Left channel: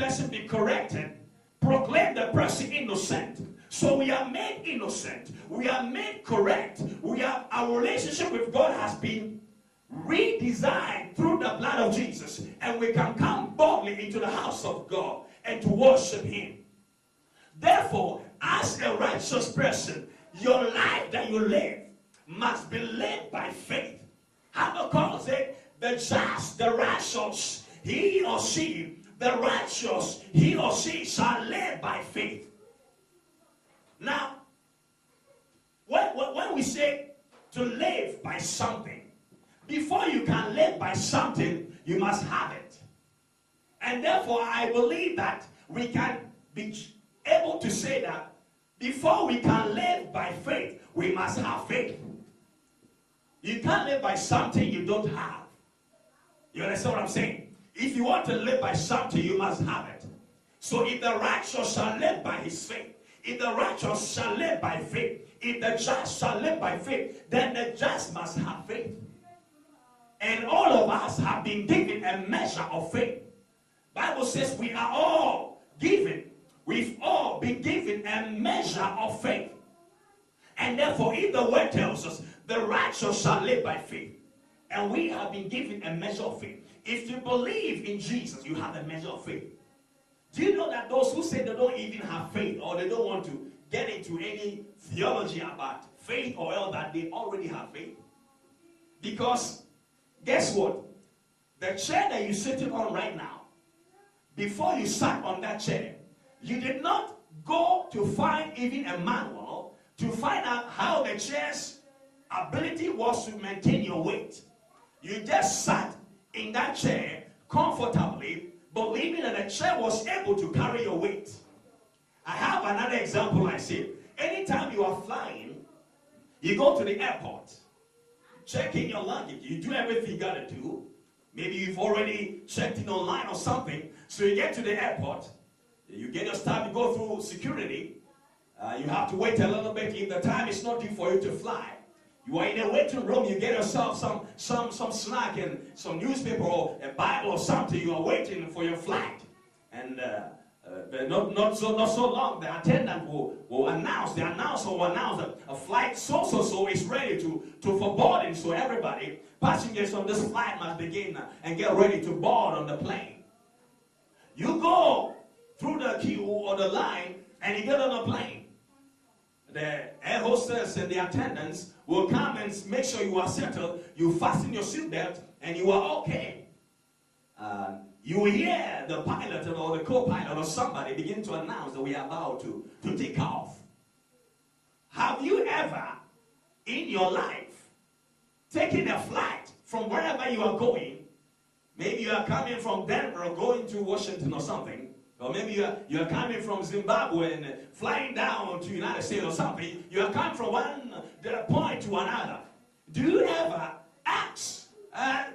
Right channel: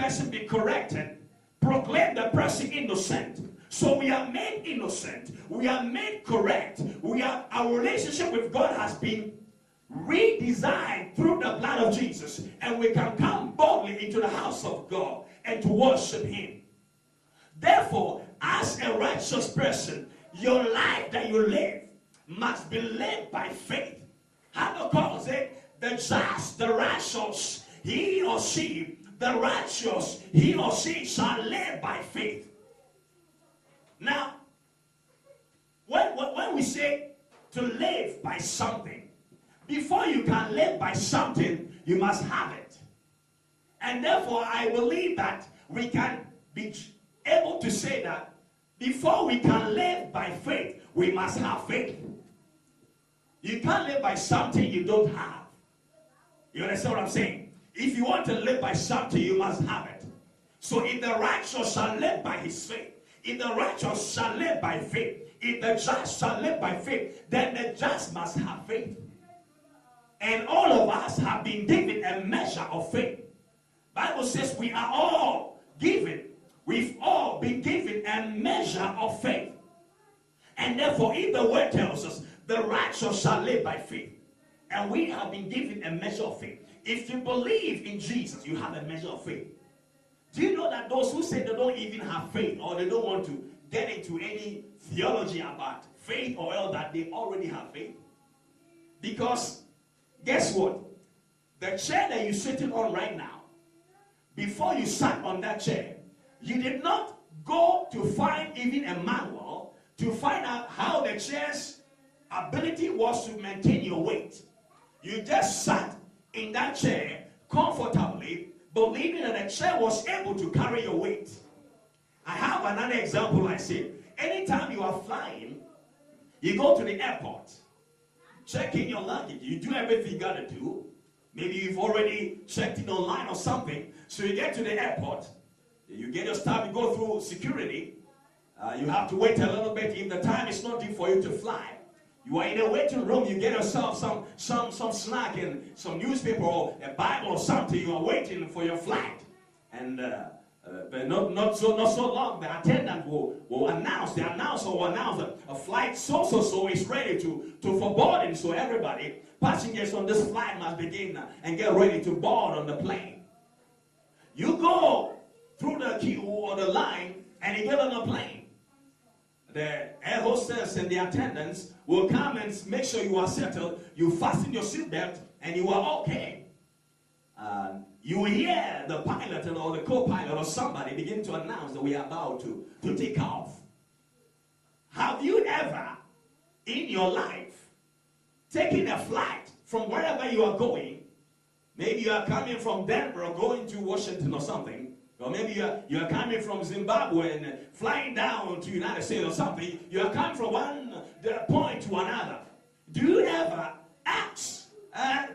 person be corrected, proclaim the person innocent. So we are made innocent. We are made correct. Our relationship with God has been redesigned through the blood of Jesus. And we can come boldly into the house of God and to worship Him. Therefore, as a righteous person, your life that you live must be led by faith. Habakkuk said, the just, the righteous, he or she, the righteous, he or she shall live by faith. Now, when we say to live by something, before you can live by something, you must have it. And therefore, I believe that we can be able to say that before we can live by faith, we must have faith. You can't live by something you don't have. You understand what I'm saying? If you want to live by something, you must have it. So if the righteous shall live by his faith, if the righteous shall live by faith, if the just shall live by faith, then the just must have faith. And all of us have been given a measure of faith. Bible says we are all given. We've all been given a measure of faith. And therefore, if the word tells us, the righteous shall live by faith, and we have been given a measure of faith. If you believe in Jesus, you have a measure of faith. Do you know that those who say they don't even have faith, or they don't want to get into any theology about faith or all that, they already have faith? Because guess what? The chair that you're sitting on right now, before you sat on that chair, you did not go to find even a manual to find out how the chair's ability was to maintain your weight. You just sat in that chair comfortably, believing that the chair was able to carry your weight. I have another example I say. Anytime you are flying, you go to the airport, check in your luggage, you do everything you gotta do. Maybe you've already checked in online or something, so you get to the airport, you get your stuff, you go through security, you have to wait a little bit. If the time is not due for you to fly, you are in a waiting room, you get yourself some snack and some newspaper or a Bible or something, you are waiting for your flight. And not so long, the attendant will announce, the announcer will announce a flight so is ready for boarding. So everybody, passengers on this flight must begin and get ready to board on the plane. You go through the queue or the line and you get on the plane. The air hostess and the attendants will come and make sure you are settled, you fasten your seatbelt, and you are okay. You hear the pilot or the co-pilot or somebody begin to announce that we are about to take off. Have you ever in your life taken a flight from wherever you are going? Maybe you are coming from Denver or going to Washington or something. Or maybe you are coming from Zimbabwe and flying down to United States or something. You are coming from one point to another. Do you ever ask,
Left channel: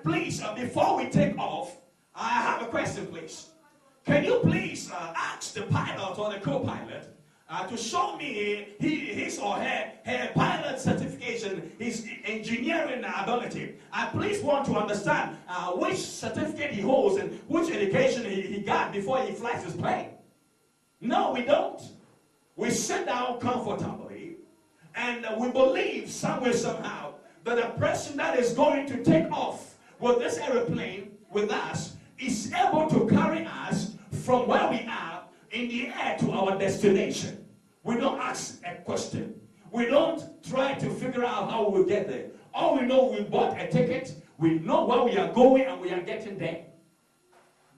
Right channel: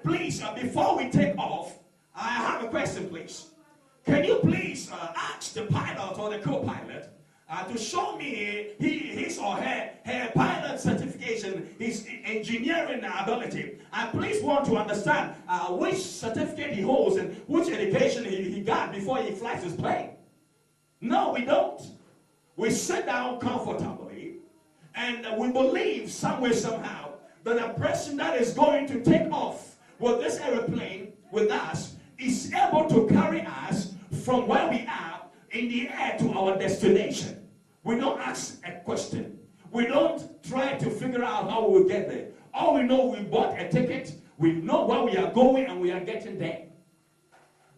please, before we take off, I have a question, please. Can you please ask the pilot or the co-pilot to show me his or her pilot certification, his engineering ability? I please want to understand which certificate he holds and which education he got before he flies his plane. No, we don't. We sit down comfortably and we believe somewhere, somehow, that the person that is going to take off with this airplane with us is able to carry us from where we are in the air to our destination. We don't ask a question. We don't try to figure out how we'll get there. All we know, we bought a ticket, we know where we are going, and we are getting there.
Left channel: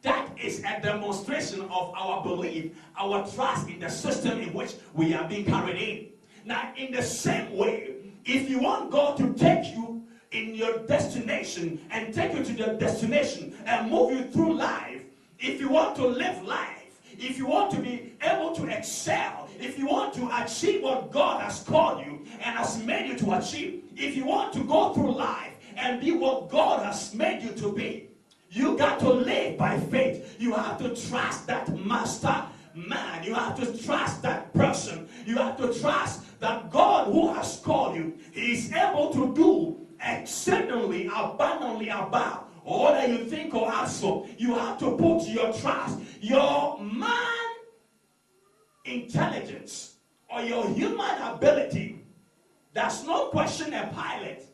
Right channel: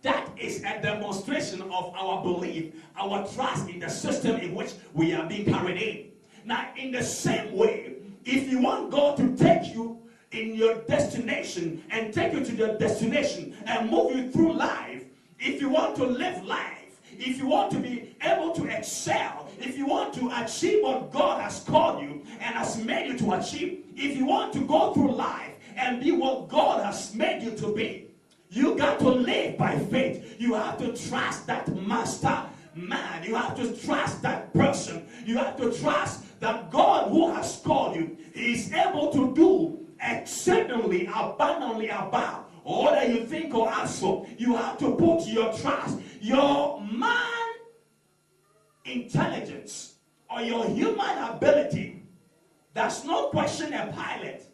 That is a demonstration of our belief, our trust in the system in which we are being carried in. Now, in the same way, if you want God to take you in your destination and take you to your destination and move you through life, if you want to live life, if you want to be able to excel, if you want to achieve what God has called you and has made you to achieve, if you want to go through life and be what God has made you to be, you got to live by faith. You have to trust that master man. You have to trust that person. You have to trust that God who has called you, He is able to do exceedingly abundantly above all that you think or ask for. You have to put your trust, your or your human ability does not question a pilot,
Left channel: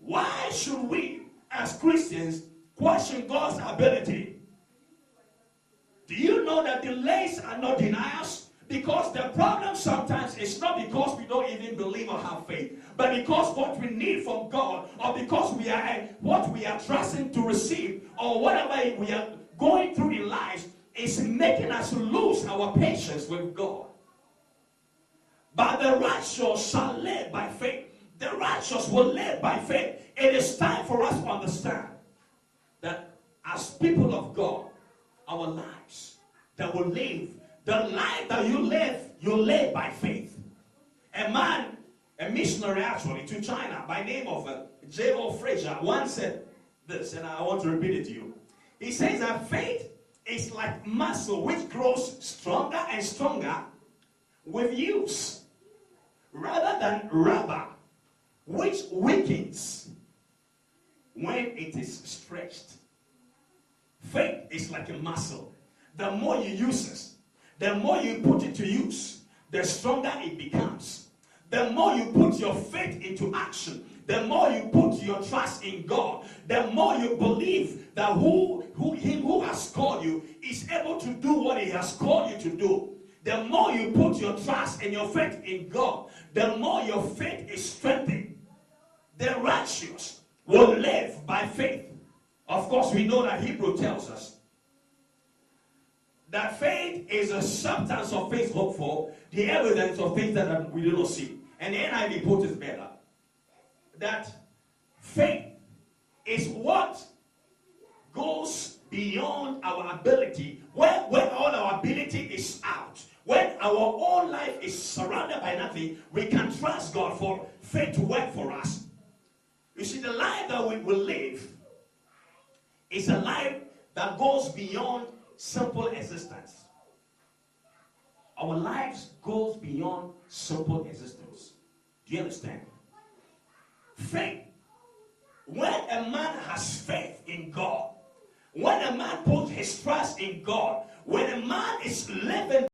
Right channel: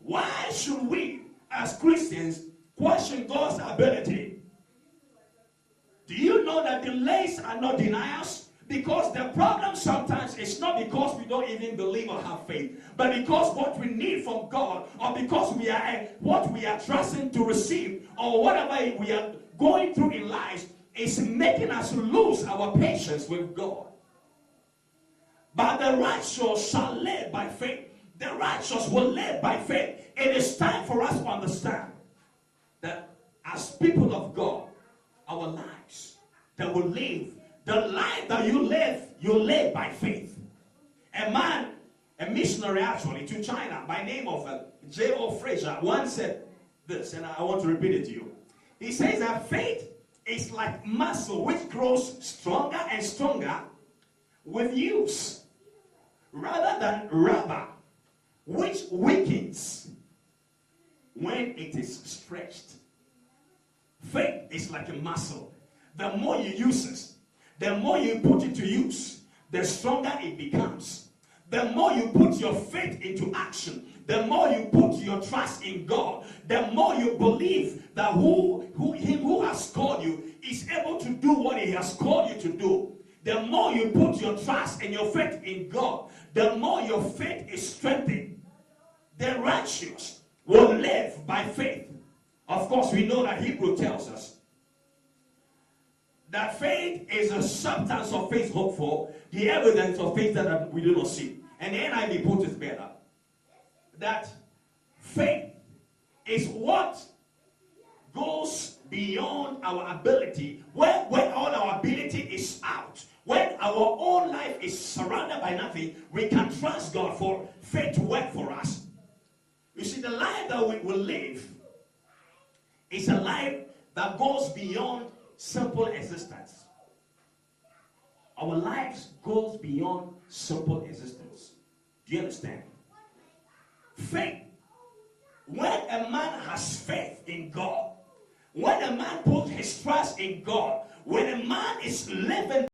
why should we, as Christians, question God's ability? Do you know that delays are not denials? Because the problem sometimes is not because we don't even believe or have faith, but because what we need from God, or because we are what we are trusting to receive, or whatever we are going through in life is making us lose our patience with God. But the righteous shall live by faith. The righteous will live by faith. It is time for us to understand that as people of God, our lives that will live, the life that you live by faith. A man, a missionary actually to China by name of Fraser once said this, and I want to repeat it to you. He says that faith is like muscle which grows stronger and stronger with use, rather than rubber which weakens when it is stretched. Faith is like a muscle. The more you use it, the more you put it to use, the stronger it becomes. The more you put your faith into action, the more you put your trust in God, the more you believe that Him who has called you is able to do what He has called you to do. The more you put your trust and your faith in God, the more your faith is strengthened. The righteous will live by faith. Of course, we know that Hebrew tells us that faith is a substance of things hoped for, the evidence of things that we do not see. And the NIV puts it better. That faith is what goes beyond our ability, when all our ability is out. When our own life is surrounded by nothing, we can trust God for faith to work for us. You see, the life that we will live is a life that goes beyond simple existence. Our lives goes beyond simple existence. Do you understand? Faith. When a man has faith in God, when a man puts his trust in God, when a man is living